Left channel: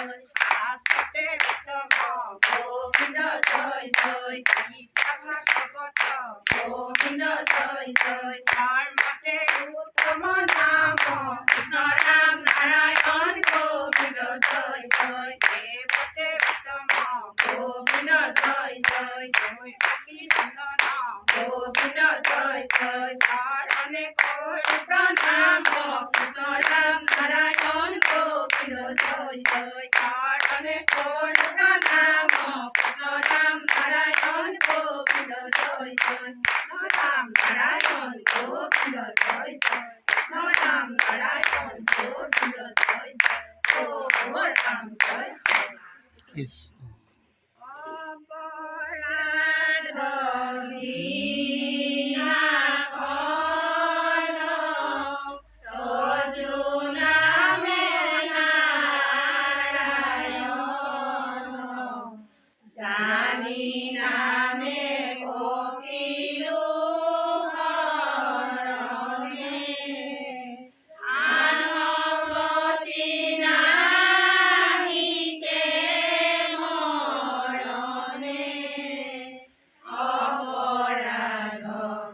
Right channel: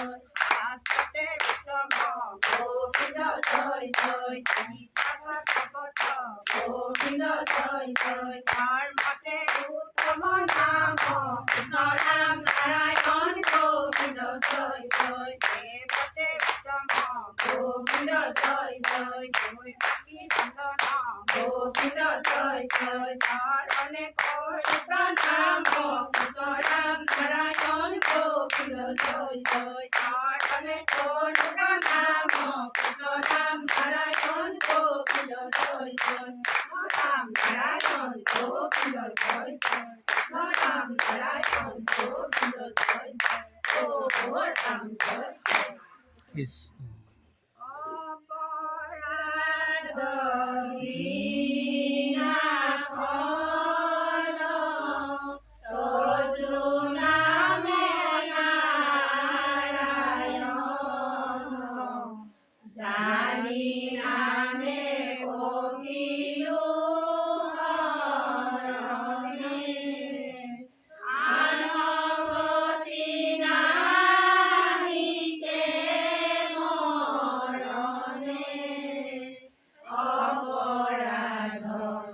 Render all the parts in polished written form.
জয় শাস্ত্রতে উত্তম গোবিন্দ জয় জয় গীতা ভাগবত গোবিন্দ জয় জয় ধর্মতে উত্তম নাম কৃষ্ণ নাম নারায়ণ গোবিন্দ জয় জয় দেবতে উত্তম গোবিন্দ জয় জয় জয় নন্দন গোবিন্দ জয় জয় শরণে করি প্রণাম কৃষ্ণ নাম নারায়ণ গোবিন্দ জয় জয় শরণে করি প্রণাম কৃষ্ণ নাম নারায়ণ গোবিন্দ জয় জয় নাম নারায়ণ গোবিন্দ জয় জয় কৃষ্ণ নাম নারায়ণ গোবিন্দ জয় জয় ও রাম জয় কৃষ্ণ অপরাধ জানি নামে পকিলো হরণে আনগতি নাহিকে মরণে অপরাধ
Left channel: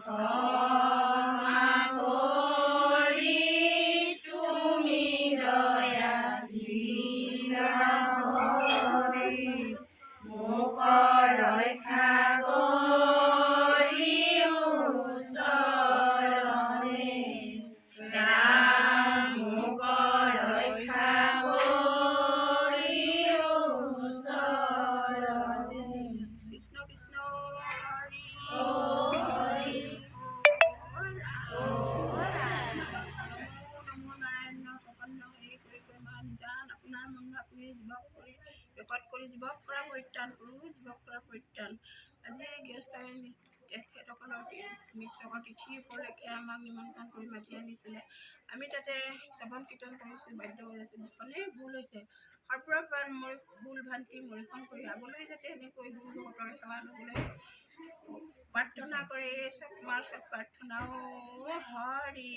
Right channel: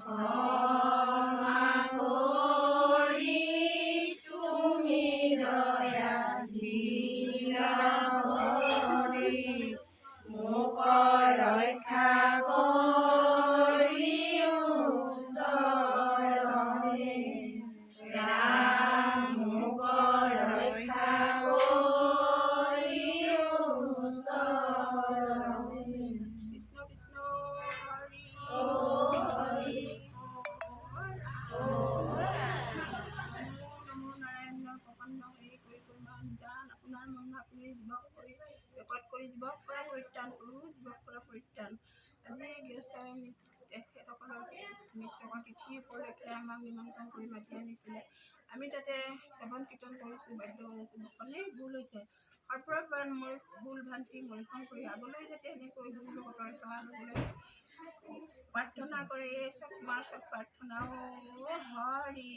ক্ষমা কৰি তুমি দয়া কৰি মোক ৰক্ষা কৰি ওচৰণে ৰাম মোক ৰক্ষা কৰি ওচৰণে কৃষ্ণ কৃষ্ণ হৰি হৰি নমো নাৰায়ণ প্ৰপন্ন হেৰি কৰি মান জান আপোনাৰ মহিমা আপুনি জীৱক কৰি বেকত কৰি জীৱক কৰা পৰিত্ৰাণ কৰো জীৱক কৰা পৰিত্ৰাণ আজি গৃহস্থই তেখেতসকলৰ মৃতকৰ তিথিৰ উপলক্ষে আমাক নিমন্ত্ৰণ কৰি মাতি আনিছিলে আমি তাতে শ্ৰৱণ কীৰ্তন কৰিছোঁ বাদ্য বজাইছোঁ অনেক ভুল হৈছে সৰ্পৰ মই ভুল ভ্ৰান্তি মৰিখন কৰি আগলৈ যাতে এনেকৈ গুৰু ভকতৰ সেৱা ল'বলৈ প্ৰাৰ্থনা কৰে এই চব তোমাৰ চব প্ৰাৰ্থনা হৰি